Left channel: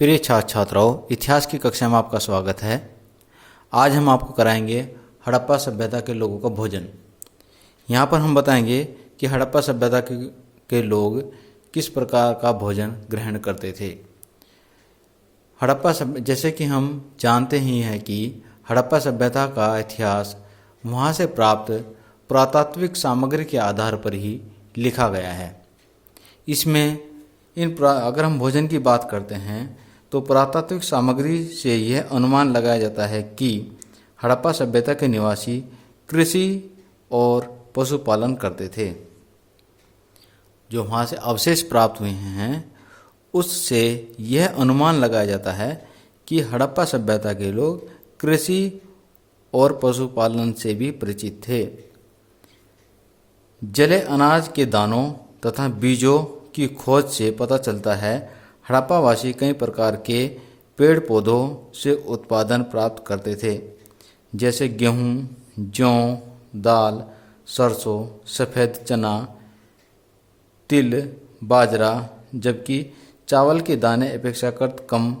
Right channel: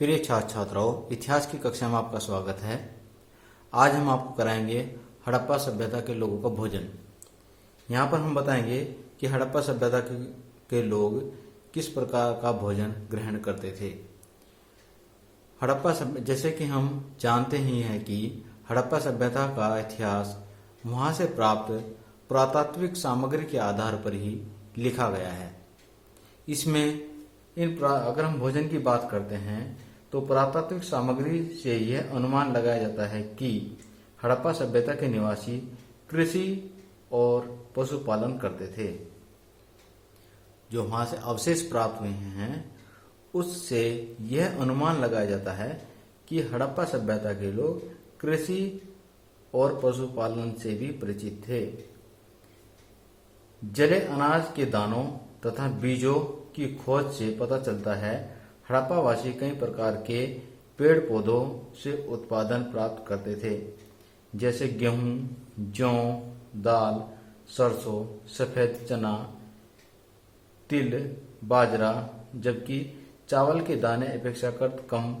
प्रिय छात्र छात्राओं, इतिहास की कक्षा में आपका स्वागत है। आज हम आपको कराएंगे हड़प्पा सभ्यता के लोगों का भोजन। यहाँ पर हम बताएंगे कि हड़प्पा सभ्यता के लोग किस प्रकार का भोजन ग्रहण करते थे। जैसे कि हम जानते ही हैं कि हड़प्पा सभ्यता का इतिहास वहाँ से प्राप्त पुरातात्विक सामग्री के आधार पर ही लिखा गया है। इसमें अगर हम भोजन की बात करते हैं तो पुरातात्विक सामग्री से यह अनुमान लगाया जाता है कि हड़प्पा सभ्यता के निवासी कृषि और पशुपालन करते थे। जो वहाँ से अवशेष प्राप्त हुए हैं उससे यह अनुमान लगाया जाता है कि हड़प्पा सभ्यता के लोग कृषि और पशुपालन से भी परिचित थे। जले अनाज के दानों तथा बीजों की खोज से पता चलता है हड़प्पावासी कई प्रकार के पेड़ पौधों से उत्पादन प्राप्त करते थे, जैसे गेहूं, जौ, दाल, सरसों, सफ़ेद चना, तिल, बाजरा, जबकि चावल के दाने अपेक्षाकृत कम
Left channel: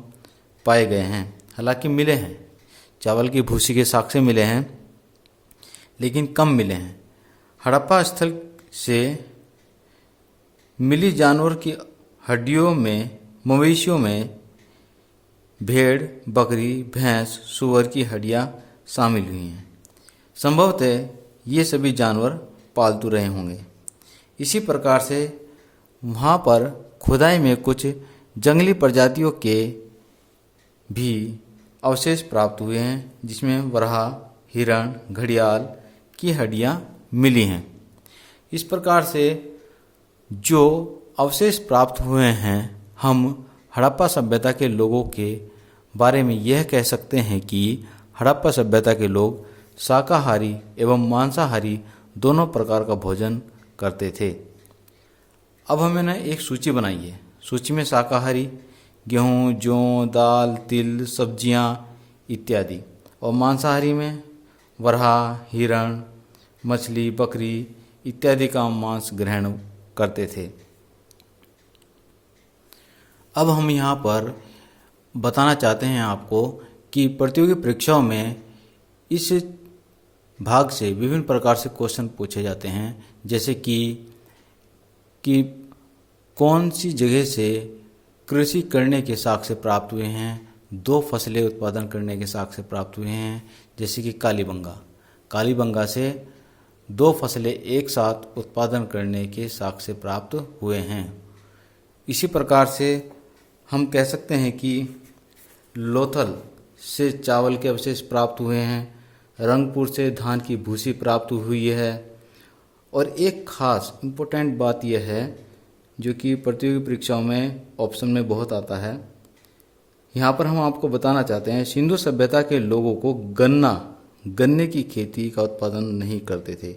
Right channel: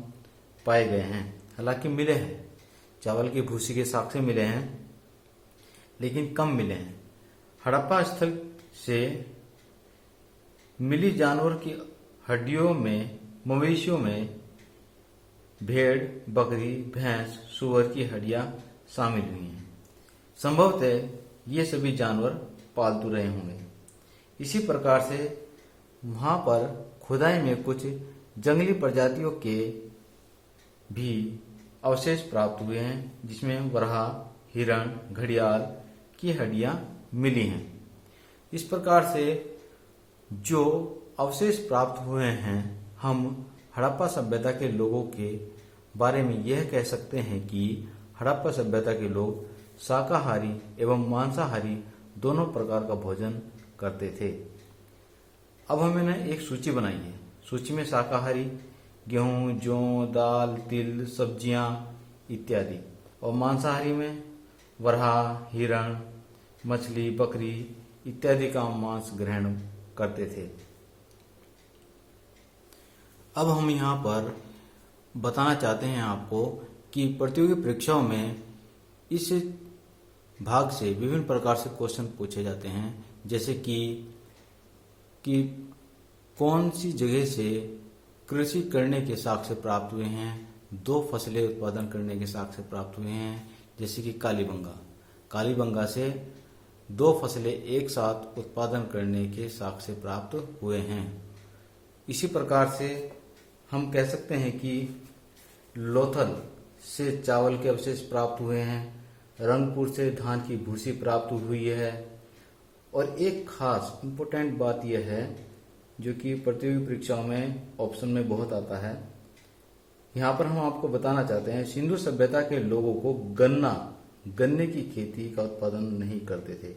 पाए गए हैं। हालांकि मिले हैं, चावल की भूसी के साक्ष्य मिले हैं लेकिन कम मिले हैं। हड़प्पा स्थल से मिली जानवर की हड्डियों में मवेशियों में भेड़, बकरी, भैंस, सूअर की हड्डियां शामिल हुई हैं। संभवतः ये सभी जानवर पालतू रहे होंगे। इसी प्रकार से वहाँ पर खुदाई में कुछ जंगली प्रजातियों के भी अवशेष प्राप्त हुए हैं, जिसमें वराह, हिरण, घड़ियाल की हड्डियां मिली हैं। इस प्रकार से जो अवशेष प्राप्त हुए हैं, हम हड़प्पा सभ्यता के लोगों के बारे में यह कह सकते हैं कि हड़प्पा सभ्यता के लोग शाकाहारी एवं मांसाहारी दोनों प्रकार का भोजन करते थे। अब हमने एक सूची बनाई है। सूची में शाकाहारी गेहूँ, जौ, दाल, तिल, सब्जियां इत्यादि, और मांसाहारी में वराह, हिरण, मछली, बकरी इत्यादि का मांस ग्रहण करते थे। अब हम यहाँ पर बताना चाहते हैं आपको कि प्रतियोगी परीक्षाओं में इस भाग से विभिन्न प्रकार से क्वेश्चन पूछे जाते हैं, जैसे कि कौन सी जगह से कृषि करने के साक्ष्य प्राप्त हुए हैं, दो फसलें उत्पादन करने के साक्ष्य प्राप्त हुए हैं, जैसे कि कालीबंगा से दो फसलें एक साथ उत्पादन करने के साक्ष्य प्राप्त हुए हैं। इसी प्रकार से हम कह सकते हैं कि लोथल से चावल के अवशेष प्राप्त हुए हैं, रंगपुर से धान की भूसी प्राप्त हुई है। और एक खास इम्पोर्टेंट बात यह है जो कि प्रतियोगी परीक्षाओं में ऑप्शन में बहुत आता है। यहाँ पर हम आपको बताना चाहते हैं, सिंधु सभ्यता के लोगों को गन्ने की खेती का उत्पादन नहीं करते थे।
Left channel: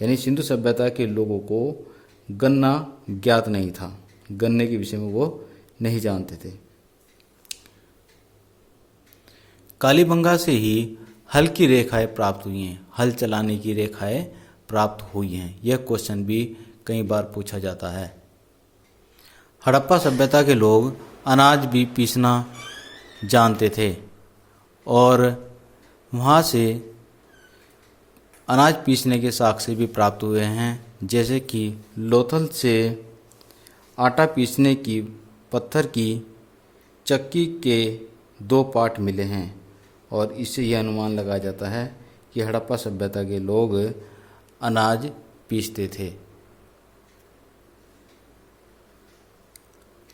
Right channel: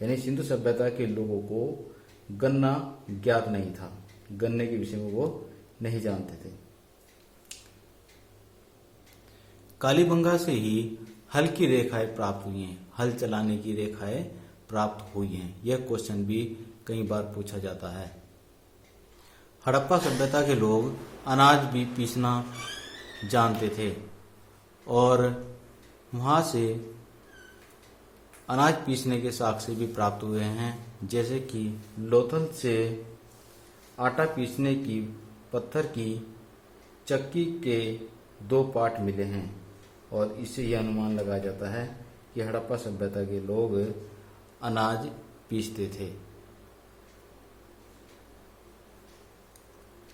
यानी सिंधु सभ्यता के लोगों को गन्ना ज्ञात नहीं था, गन्ने के विषय में वो नहीं जानते थे। कालीबंगा से ही हल की रेखाएं प्राप्त हुई हैं, हल चलाने की रेखाएं प्राप्त हुई हैं। यह क्वेश्चन भी कई बार पूछा जाता है। हड़प्पा सभ्यता के लोग अनाज भी पीसना जानते थे और वहाँ से अनाज पीसने के साक्ष्य भी प्राप्त हुए हैं, जैसे कि लोथल से आटा पीसने की पत्थर की चक्की के 2 पार्ट मिले हैं, और इससे यह अनुमान लगाया जाता है कि हड़प्पा सभ्यता के लोग अनाज पीसते थे।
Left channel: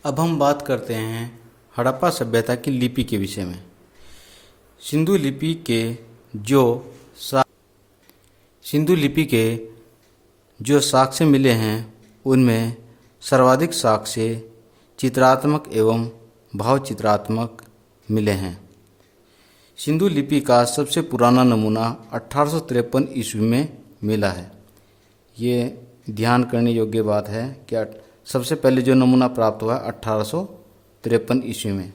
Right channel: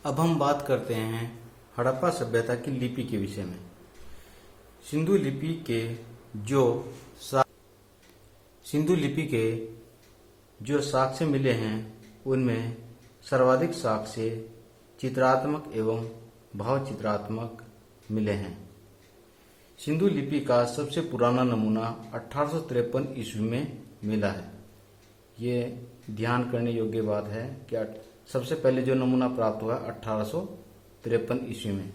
अब हम बात करते हैं हड़प्पा सभ्यता की लिपि के विषय में। सिंधु लिपि के जो साक्ष्य मिले हैं उनमें सर्वाधिक साक्ष्य चित्रात्मक एवं भावचित्रात्मक मिले हैं। सिंधु लिपि का सबसे पुराना नमूना 1853 ईस्वी में मिला है। ये ध्यान करने योग्य बात है कि सबसे पहले जो नमूना प्राप्त हुआ 1853 ईस्वी में।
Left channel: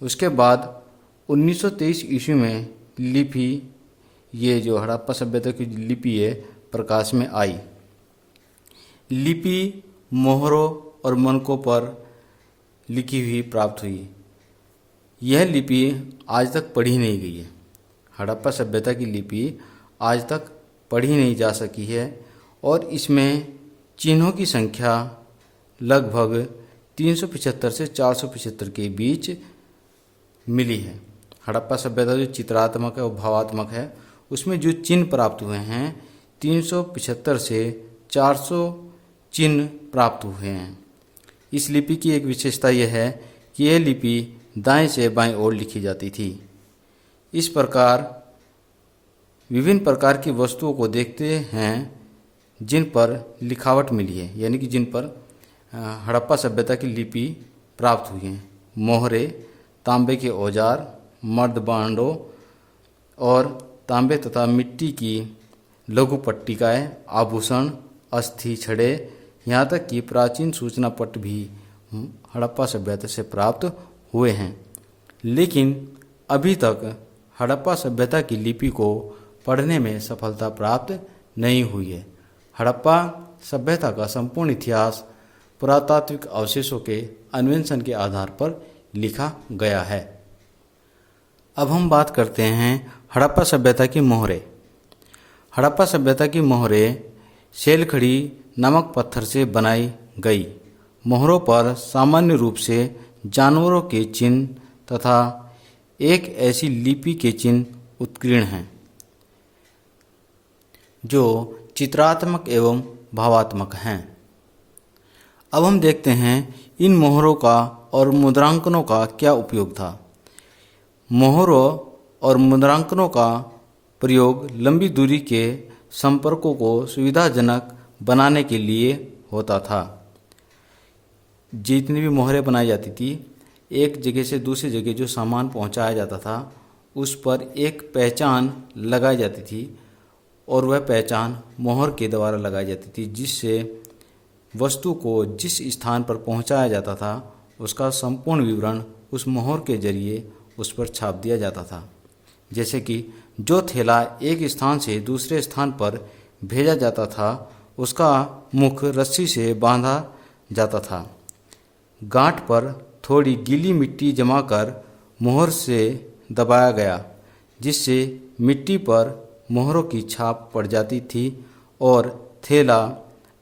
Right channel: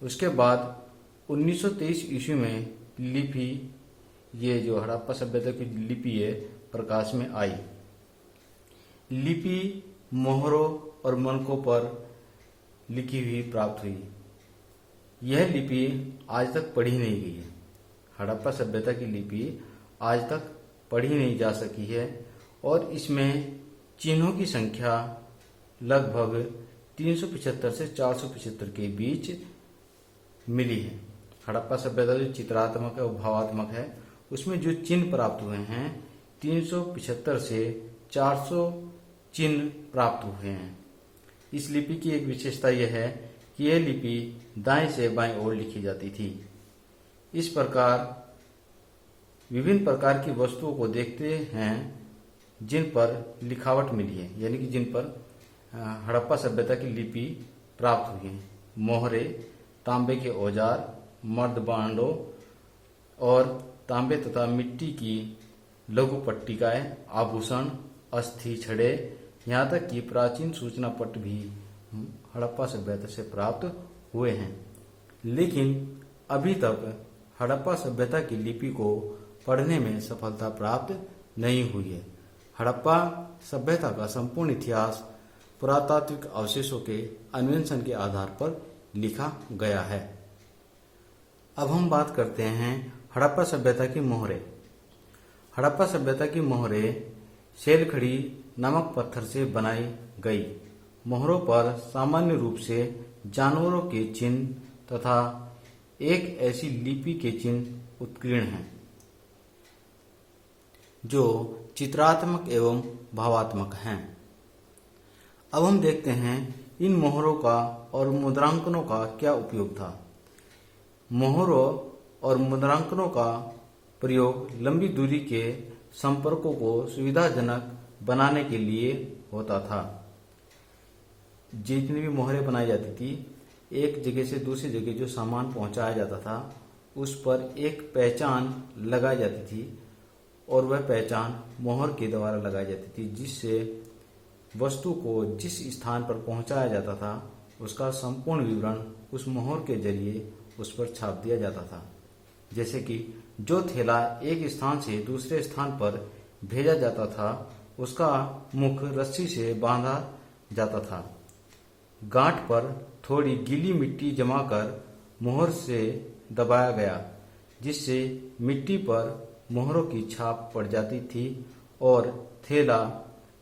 उसके बाद 1923 ईस्वी में लिपि, ये जो हड़प्पा सभ्यता की लिपि है, प्रकाश में आई। लिपि मोहरों और मनकों पर लिखी हुई प्राप्त हुई। यह लिपि आज तक पढ़ी नहीं गई है। हड़प्पा सभ्यता की लिपि आज तक पढ़ी नहीं जा सकी है और इसमें चिन्हों की संख्या लगभग 375 से 475 के बीच मिली है। हड़प्पा सभ्यता जो चित्रात्मक है और भावात्मक है, उसमें जो चिन्ह प्राप्त हुए हैं 375 से 400 चिन्ह प्राप्त हुए हैं। इस लिपि की एक विशेषता यह है कि यह लिपि दाएं से बाएं ओर लिखी जाती थी। इस प्रकार विभिन्न प्रकार की वस्तुओं को देखते हैं जिन पर लिखावट मिली है, यानी कि जिन पर हड़प्पा सभ्यता की लिपि प्राप्त हुई है। मोहरे, तांबे के औजार, मर्द बांडों और तांबे तथा मिट्टी की लघु पट्टिकाएं, आभूषण, अस्थि छड़े, यहाँ तक कि प्राचीन सूचना पट भी हड़प्पा सभ्यता से प्राप्त हुए हैं। लेकिन अभी तक हड़प्पा सभ्यता की लिपि को पढ़ने में सफलता प्राप्त नहीं हुई है। हड़प्पा सभ्यता का संपूर्ण इतिहास पुरातात्विक अवशेषों के अन्वेषण के आधार पर लिखा गया है। अब हम बात करते हैं हड़प्पा सभ्यता की मोहरें। हड़प्पा सभ्यता की मोहरें सेलखड़ी नामक पत्थर से बनाई गई। मोहरों पर सामान्य रूप से जानवरों के चिन्ह तथा एक ऐसी लिपि के चिन्ह उत्कीर्ण हैं जो चित्रात्मक एवं भावात्मक हैं। अब हम देखते हैं इन मोहरों का और मुद्रांकनों का क्या उपयोग था। मोहरों और मुद्रांकनों का प्रयोग लंबी दूरी के संपर्कों को सुविधाजनक बनाने के लिए होता था। जितनी भी मोहरें बनाई जाती थी, एक जगह से दूसरी जगह जो सामान पहुंचाया जाता था उस पर एक पहचान लगाई जाती थी और वह पहचान मोहर के द्वारा लगाई जाती थी, जिससे वस्तु को जिस स्थान पर पहुंचाया जाता था उसका संपूर्ण विवरण उस मोहर के जरिए उस पर छाप दिया जाता था। जैसे कि जो थैला एक स्थान से दूसरे स्थान पर भेजा जाता था उसका मुख रस्सी से बांधा जाता था। गांठ पर थोड़ी गीली मिट्टी जमाकर मोहर से दबाया गया, जिससे मिट्टी पर मोहरों की छाप पड़ जाती थी और थैला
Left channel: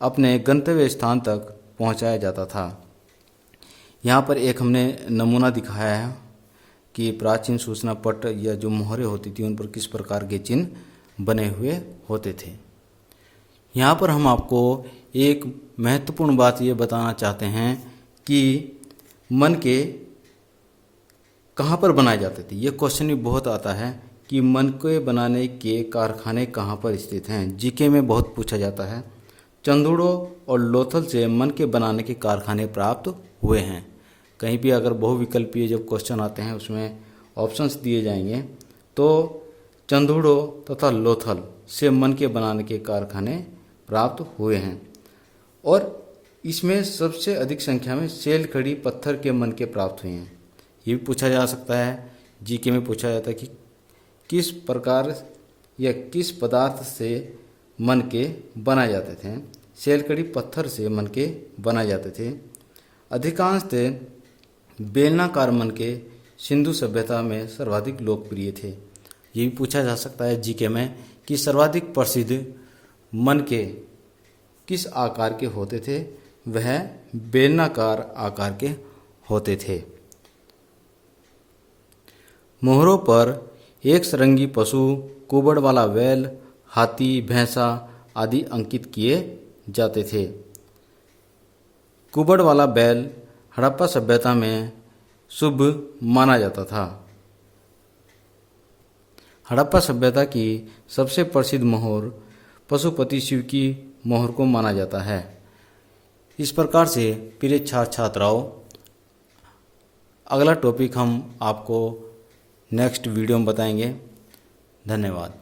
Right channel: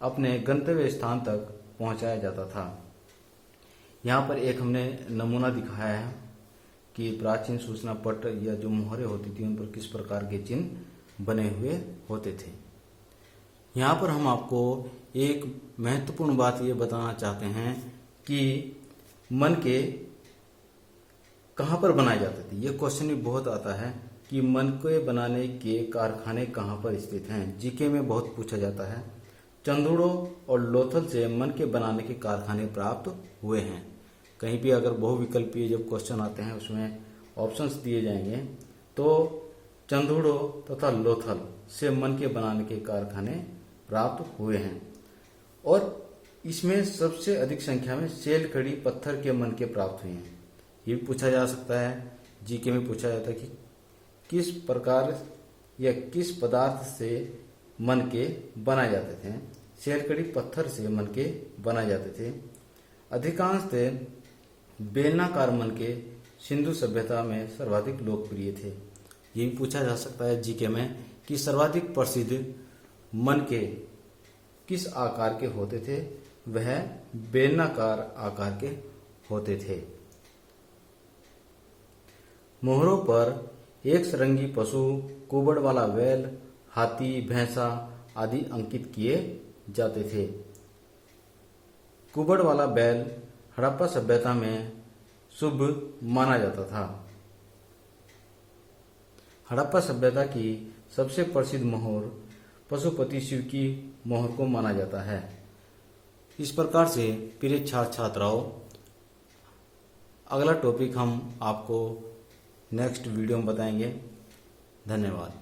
अपने गंतव्य स्थान तक पहुंचाया जाता था। यहाँ पर एक हमने नमूना दिखाया है कि प्राचीन सूचना पट या जो मोहरें होती थी उन पर किस प्रकार के चिन्ह बने हुए होते थे। यहाँ पर हम आपको एक महत्वपूर्ण बात ये बताना चाहते हैं कि मन के कहाँ पर बनाए जाते थे। ये क्वेश्चन भी बहुत आता है कि मन के बनाने के कारखाने कहाँ पर स्थित हैं। जीके में बहुत पूछा जाता है। चंदूड़ो और लोथल से मन के बनाने के कारखाने प्राप्त हुए हैं। कहीं भी अगर बहुविकल्पीय जब क्वेश्चन आते हैं उसमें ऑप्शंस दिए जाएंगे तो चंदूड़ो तथा लोथल से मन के बनाने के कारखाने प्राप्त हुए हैं और इसमें सबसे अधिक संख्या में सेलखड़ी पत्थर के मन के प्राप्त हुए हैं। ये भी पूछा जा सकता है, जीके में पूछा जाता है कि किस प्रकार या किस पदार्थ से मन के बनाए जाते थे। सेलखड़ी पत्थर से मन के बनाए जाते थे। अधिकांशतः बेलनाकार मन के सिंधु सभ्यता में सर्वाधिक लोकप्रिय थे। ये भी पूछा जा सकता है जीके में कि सर्वाधिक प्रसिद्ध मन के किस आकार के होते थे। वह बेलनाकार आकार के होते थे। मोहरों पर एक सरंगी पशु, कुबड़ वाला बैल, हाथी, भैंसा आदि अंकित किए जाते थे। कुबड़ वाला बैल हड़प्पा सभ्यता में शुभ माना जाता था। हड़प्पा सभ्यता की सबसे प्रसिद्ध मोहर पशुपति शिव की मोहर को माना जाता है। इस प्रकार से प्रिय छात्र छात्राओं, अगला टॉपिक हम आपको नेक्स्ट वीडियो में बताएंगे। धन्यवाद।